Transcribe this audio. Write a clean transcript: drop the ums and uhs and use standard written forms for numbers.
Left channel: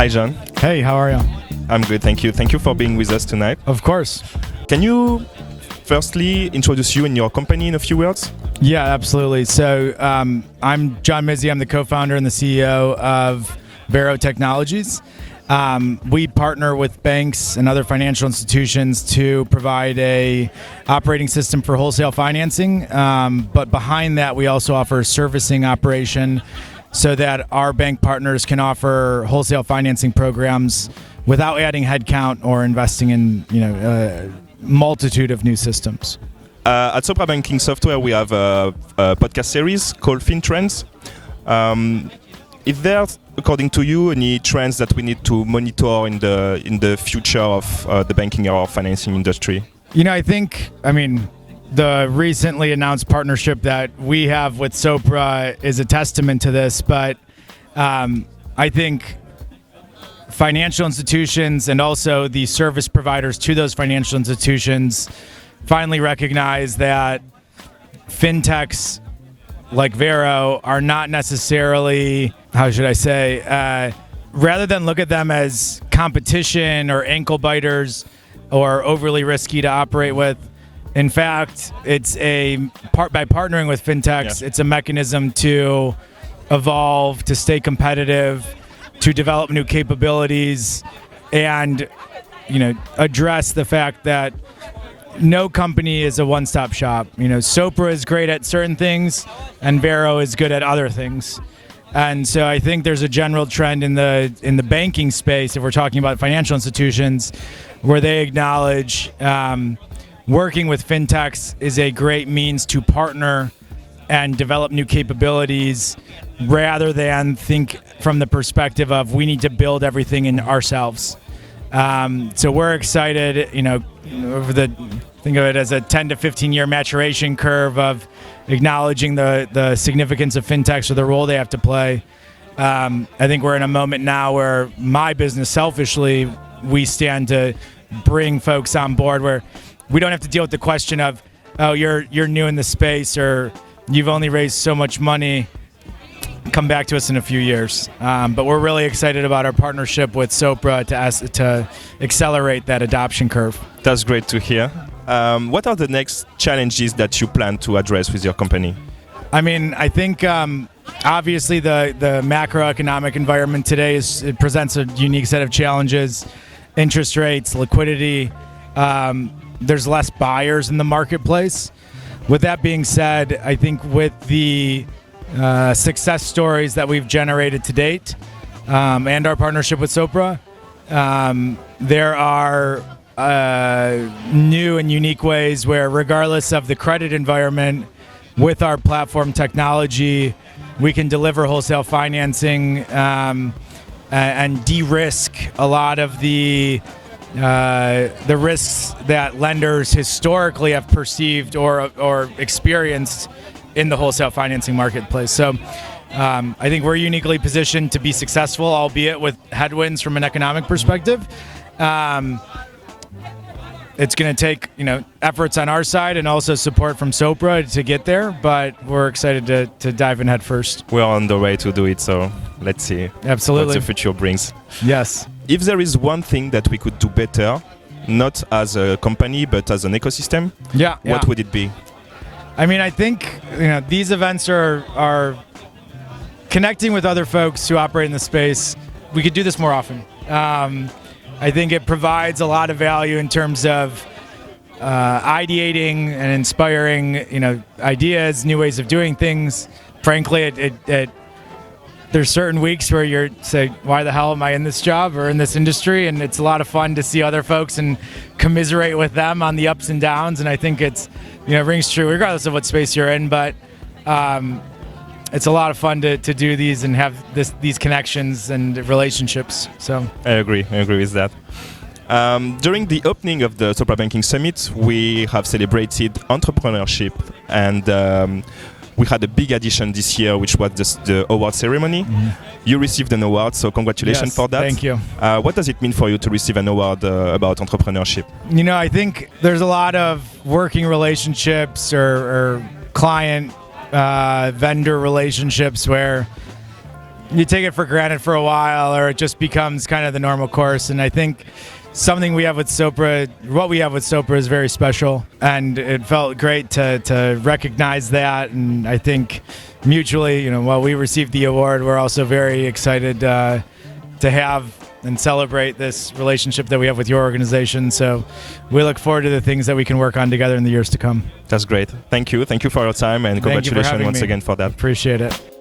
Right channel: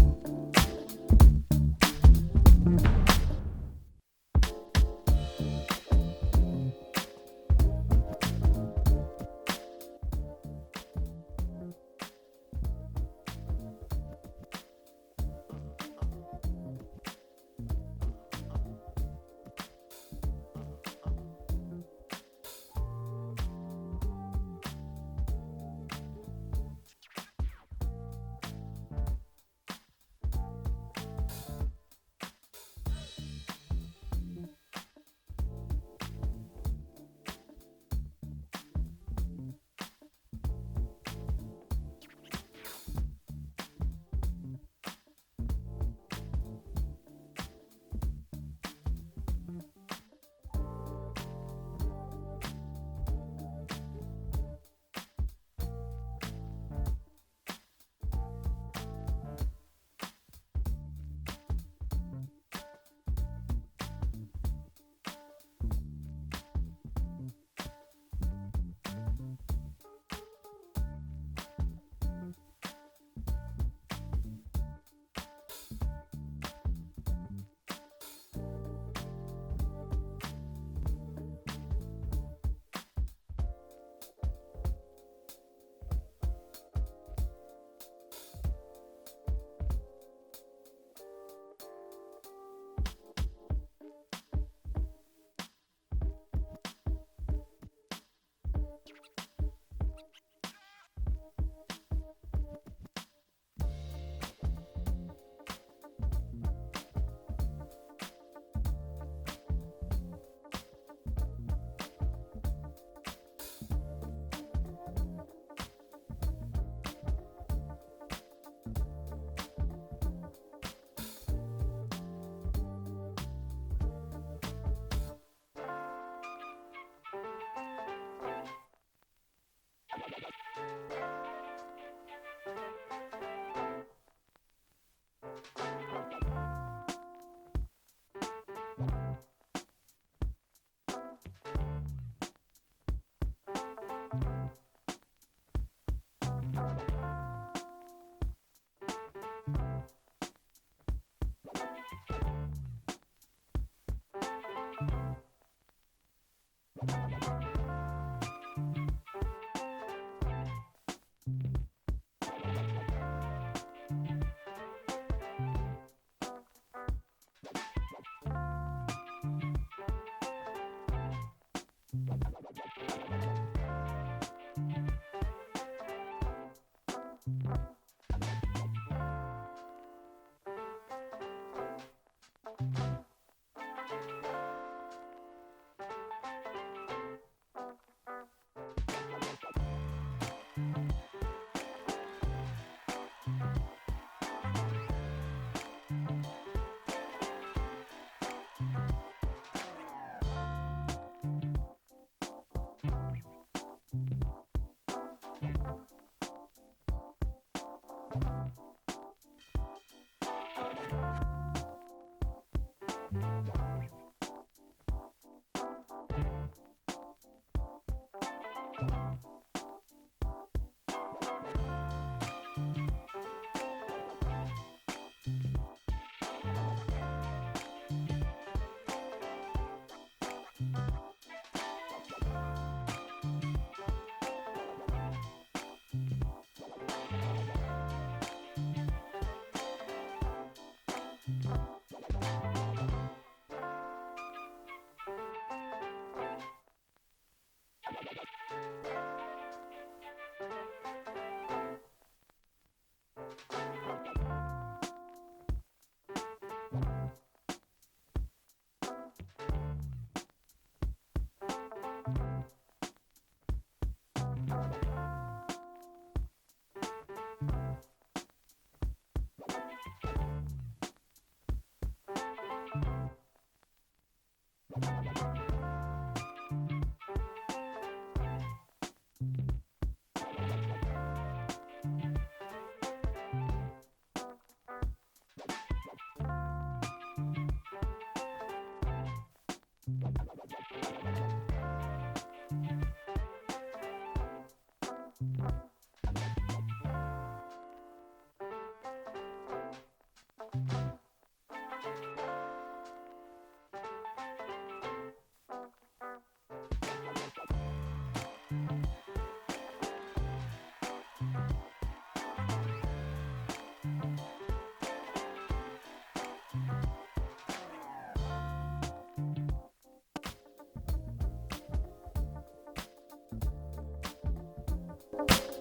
Hi, John. Hey, how are you? I'm good, thank you. Thank you for being with us tonight. Of course. Can you firstly introduce you and your company in a few words? Yeah, absolutely. So I'm John Mizzi. I'm the co-founder and the CEO of Vero Technologies. We partner with banks and other financial institutions to provide a operating system for wholesale financing. But behind that, we also offer a servicing operation so that our bank partners can offer wholesale financing programs without adding headcount or investing in a multitude of new systems. At Sopra Banking Software, we have a podcast series called FinTrends. Is there, according to you, any trends that we need to monitor in the future of the banking or financing industry? The recently announced partnership that we have with Sopra is a testament to this, but I think financial institutions and also the service providers to those financial institutions finally recognize that fintechs like Vero are not necessarily, rather than look at them as competition or ankle biters or overly risky to operate with. In fact, it's by partnering with fintechs, It's a mechanism to evolve, to stay competitive, to develop new capabilities, and address the fact that no company is a one-stop shop. Sopra is great at certain things, and Vero is good at other things. And so I think there's a general trend in the banking space, if we're talking about financial institutions, where they acknowledge working with fintechs is a great means to partner and develop new capabilities rather than think from the perspective of we need to build everything in ourselves. So we're excited, think of it as a 10 to 15 year maturation curve of acknowledging the significance of fintechs or the role they have to play. I think we're in a moment now where my business, selfishly, we stand to bring folks on board where we don't have to deal with the question of, oh, you're new in the space or you've only raised so much money. Come back to us in a few years. But we're really excited about our partnership with Sopra to accelerate that adoption curve. That's great to hear. What are the next challenges that you plan to address with your company? I think obviously the macroeconomic environment today it presents a unique set of challenges. Interest rates, liquidity. There's less buyers in the marketplace. With that being said, I think with the success stories that we've generated to date and our partnership with Sopra, there are new and unique ways where, regardless of the credit environment, with our platform technology, we can deliver wholesale financing and de-risk a lot of the risks that lenders historically have perceived or experienced in the wholesale financing marketplace. So I think we're uniquely positioned to be successful, albeit with headwinds from an economic perspective. It's going to take efforts on our side and also support from Sopra to get there, but we're excited to dive in head first. We're on the way to do it, so let's see Absolutely. What the future brings. Yes. If there is one thing that we could do better, not as a company but as an ecosystem, what would it be? I think these events are connecting with other folks who operate in the space. We could do this more often. I think it provides a lot of value in terms of ideating and inspiring, ideas, new ways of doing things. Frankly, there's certain weeks where you're say, why the hell am I in this job or in this industry? And it's a lot of fun to see other folks and commiserate with them on the ups and downs. And I think it's, rings true regardless of what space you're in. But it's a lot of fun to do these and have these connections and relationships. So I agree with that. During the opening of the Sopra Banking Summit, we have celebrated entrepreneurship, and we had a big addition this year, which was the award ceremony. Mm-hmm. You received an award, so congratulations for that. Thank you. What does it mean for you to receive an award about entrepreneurship? I think there's a lot of working relationships or client vendor relationships where you take it for granted for a while, or it just becomes kind of the normal course. And I think something we have with Sopra, what we have with Sopra is very special, and it felt great to recognize that. And I think mutually, while we received the award, we're also very excited to have and celebrate this relationship that we have with your organization. So we look forward to the things that we can work on together in the years to come. That's great. Thank you. Thank you for your time, and congratulations once again for that. Appreciate it.